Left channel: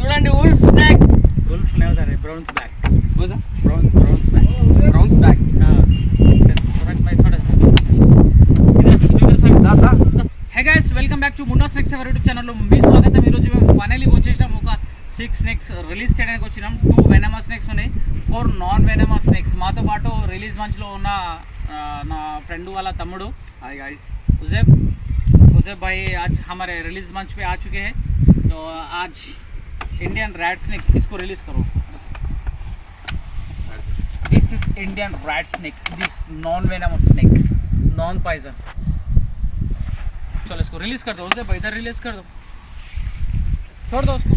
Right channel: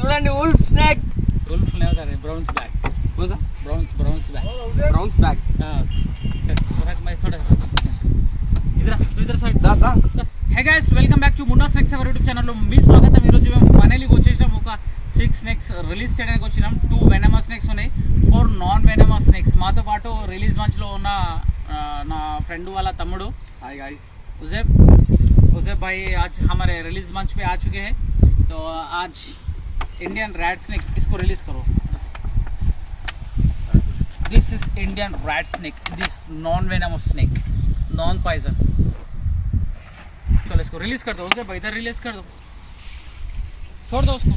చూడండి wolf snack. Wolf नहीं होता रे ब्राउन्स बैक. बोला ब्राउन्स बैक. Browns back. हां थोड़ा मैं थोड़ा इधर साइड दादा. Hey guys welcome back to Munna snakes our YouTube ఛానల్లో మీ స్వాగతం. ఈరోజు మేము ఫైనల్లీ వచ్చేసాం. ఒక 6 స్నేక్స్ రిలీజ్ చేయడానికి వచ్చినాం. 2 వెనమస్ స్నేక్స్ ఉన్నాయి, 4 నాన్ వెనమస్ స్నేక్స్. మాతో పాటు రిలీజ్ మంచ్లో ఉన్న నా ఫ్రెండ్ వాళ్ళ తమ్ముడు. Hi guys. उजैब भाई आज हमारे रिलीज मंच पे आ चुके हैं. तो आज इंडियन रैट स्नेक, इसको रिलीज करो. This is Indian rat snake, this non venomous snake, non poison. चलो इसको रिलीज कर दो उजैब भाई, इधर रिलीज कर दो, छोड़ दो उसको.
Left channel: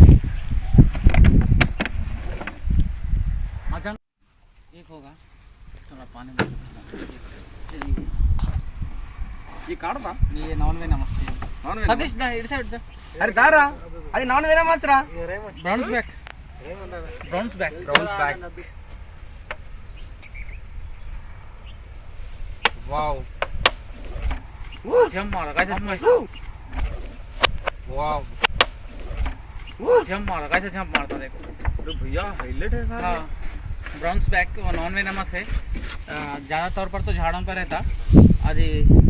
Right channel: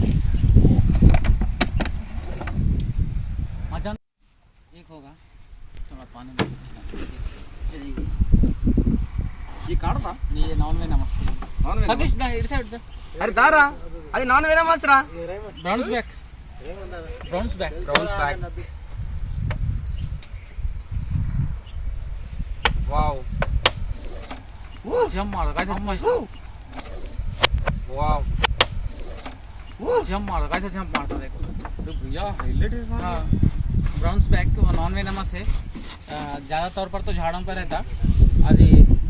मजा एक होगा. थोड़ा पानी में ये काट दा. ये नॉन वेनमस नॉन सतीश दा इट साइड दा. अरे दारा అది నాన్ వెనమస్ రా. Browns back. Browns back. Browns back. Wow. Jump मारा कैसे जंप वाओ. कैसे जंप मारता देखो. अरे भैया हाईलाइट है सारा. ब्राउन्स बैक नॉन वेनमस है. ज़्यादा तौर पर तो झाड़ों पर रहता. అది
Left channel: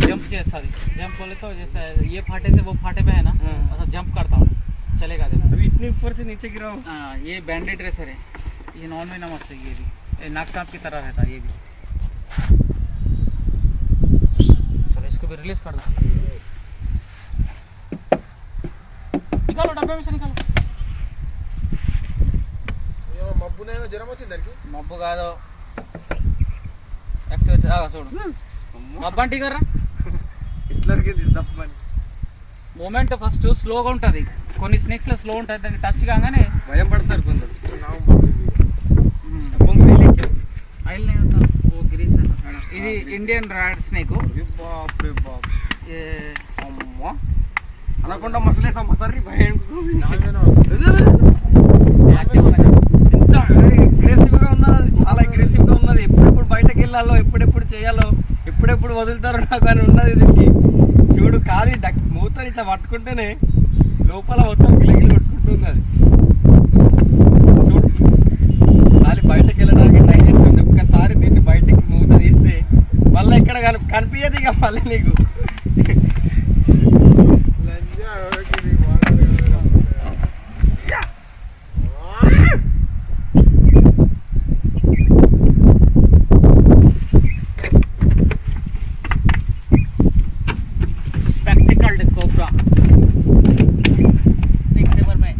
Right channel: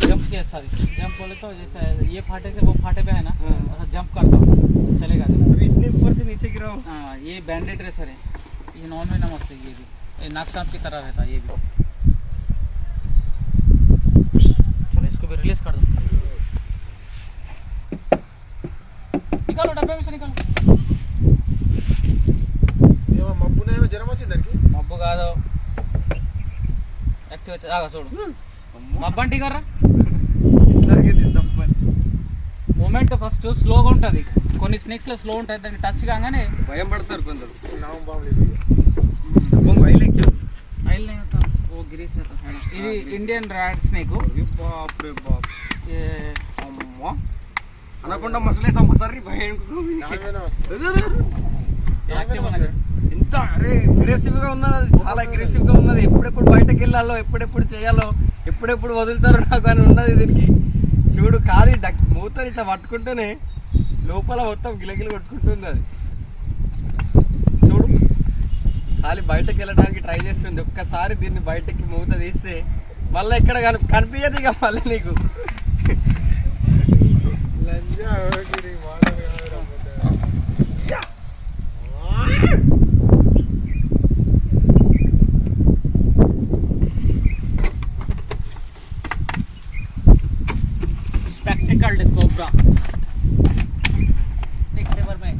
जंप చేస్తుంది. जंप बोले तो जैसे ये फाटे से वो फाटे पे है ना, ऐसा जंप करता हूँ, चलेगा देखो. अभी इतने ऊपर से नीचे गिरा हो. हाँ ये बैंडेड रेसर है, ये नॉन वेनमस है. ये भी नाक सांप की तरह रहता है ये भी. चलो इसको भी रिलीज कर दो. निकालो डब्बे में से निकालो. మబ్బు కాదు యాక్టివేట్ ఆగా చూడు. మబ్బు అంటే కర్రా మూమెంట్ ఫస్ట్ స్లోగా ఉంటుంది. కొన్ని స్నేక్స్ లో స్లో ఉంటుంది, దాన్ని టచ్ కాగానే భయం పడతారు కొందరు. ఆయిల్ ఓ గ్రీస్. ఇది ఇండియన్ రాడ్ స్నేక్. బాప్ రే బాప్. అమ్మా అనకుండా మసలేసా మసరి భయం. యాక్టివ్ ఎంత అగ్రెసివ్ గా ఉన్నది, అది చాలా అగ్రెసివ్ గా ఉన్నది. ఎప్పుడెప్పుడు బయటకు వెళ్ళాలో, ఎప్పుడెప్పుడు చేయాలో, ఎప్పుడెప్పుడు వదులుతారో నాకు అని ఉన్నది. దీనికి చూడు ఖాళీ మూతని ఇట్లా పట్టుకుంటేనే లోపల మొత్తం గిలగిలి కొట్టుకుంటుంది. అది చూడు ఖాళీ బయటకు వెళ్ళడానికి ట్రై చేస్తుంది. ఒక్కసారి దీన్ని బయటకి మూత తీస్తే మళ్ళీ ఎక్కడ కనిపించదు ఇక మళ్ళీ నీకు. स्पेक्टिकल्ड कोबरा एक सेवर में.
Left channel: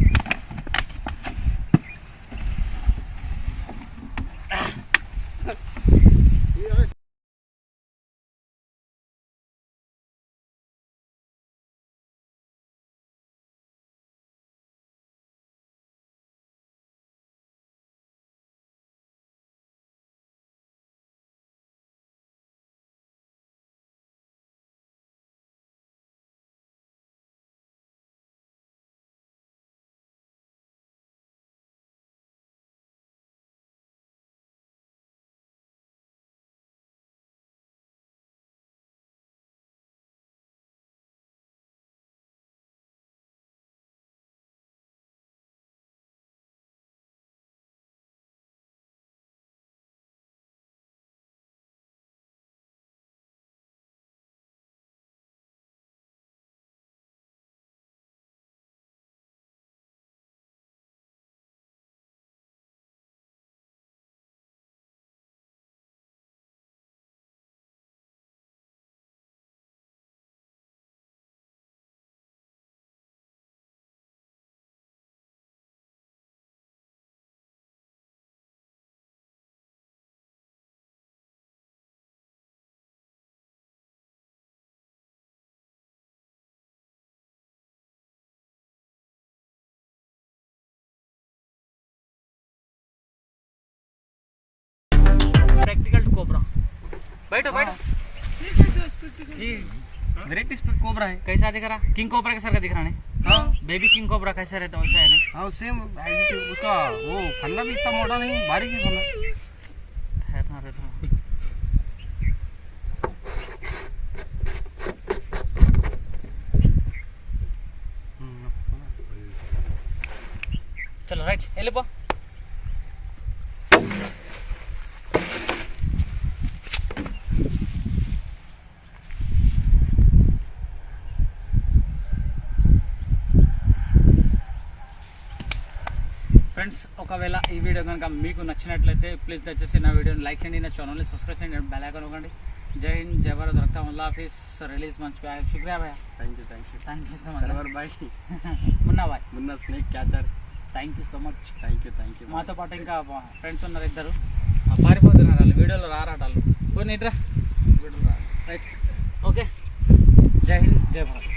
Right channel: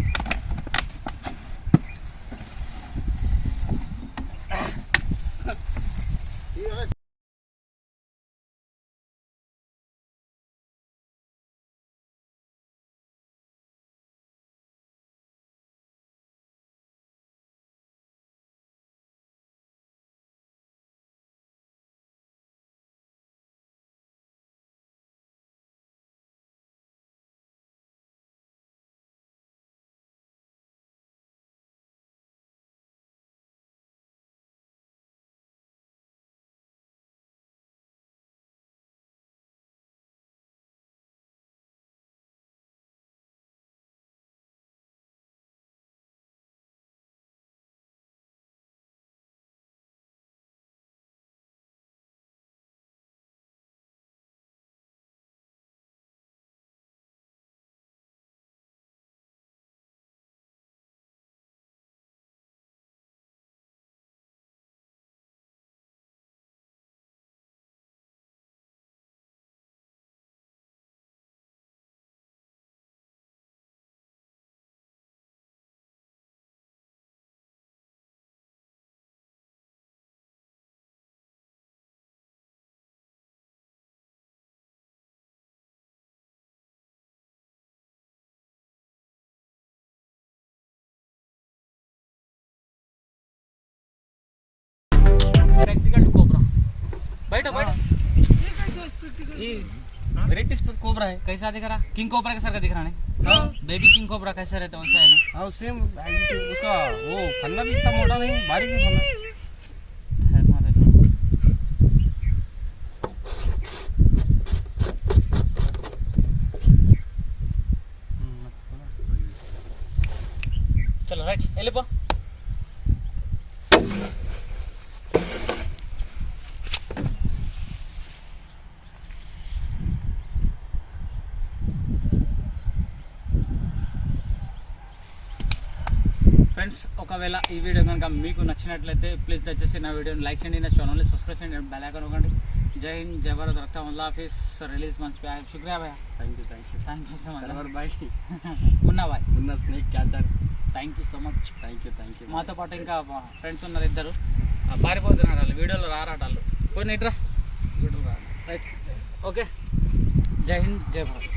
Spectacled cobra. बैठो बैठो. ये वेराइटी कोबरा है. कैसा दिख रहा? किंग कोबरा के सर का दिख रहा है. हाँ बेबी किंग कोबरा कैसा रहता है वैसा है ना. हाँ सेम ऐसे. उसका वो फन्ना भी इतना मोटा नहीं, बारीक ही फन्ना. చలో రైట్ వెళ్ళిపో. ఫ్రెండ్స్, ఒకవేళ ఈ వీడియో కనుక మీకు నచ్చినట్లయితే ప్లీజ్ దయచేసి నా వీడియోని లైక్ చేయండి, నా ఛానల్ని సబ్స్క్రైబ్ చేయండి, బెల్ ఐకాన్ నొక్కండి. జై హింద్, జై భారత్, రక్తా అల్లాహ్ హాఫిజ్. రిలీజ్ మంచి శుక్రియా భయ్యా. Thank you thank you so much. Bye. Munna bye. Munna snake catcher. Thank you so much. Thank you. మాతో పాటు ఇంకా ఫ్రెండ్స్ ఉన్నారు ఇద్దరు, పారిపోతున్నారు వాళ్ళు, వీడియోలో రారాట వాళ్ళు. కొన్ని ఇట్రా రైట్. ఓకే, జై హింద్, జై భారత్.